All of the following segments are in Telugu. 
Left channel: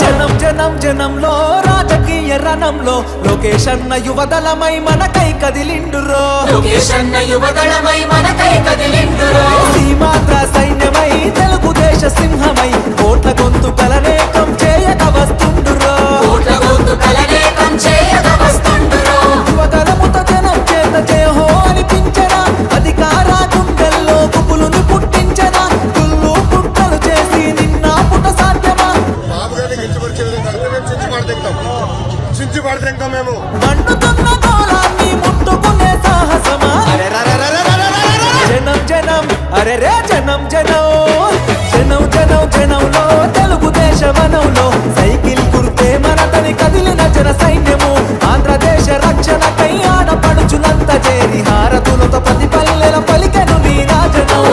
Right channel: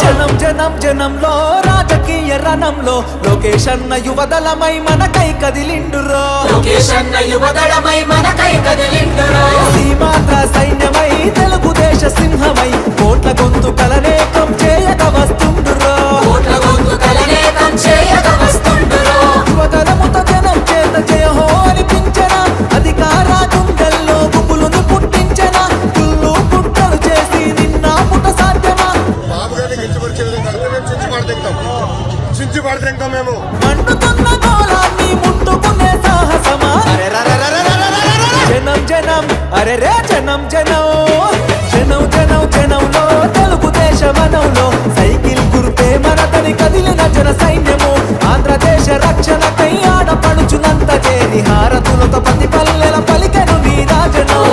జనం జనం జనంలో రాజకీయ రణంలో లోకేష్ అన్న యువదళమై మనకై కదిలిండురో. సీమాంధ్ర సైన్యమై తెలుగుదేశ సింహమై కోట్ల గొంతు కలనేకం జనం చేత జయహో అనిపించన? అధికార గుండెల్లో గుబులుని పుట్టించన? కుళ్ళు పుట్టలు చేసి నిన్న పుట సాధ్యమా? మండుతున్న గోళాన్ని ముట్టుకునే సాహసమా? జనం జనం అరే రే జనం జనం. జనం జనం జనంలో తెలుగుదేశ వనంలో సైకిల్ గుర్తే మనదని కదిలిన జన సైన్యము. ఆంధ్రదేశ రక్షణకై ఆడపడుచునంత చేరి హారతులతో పది పల్లెల పలికను నీ రాజనం.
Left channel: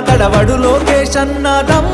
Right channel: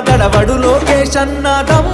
దడవడు లోకేష్ అన్న దమ్ము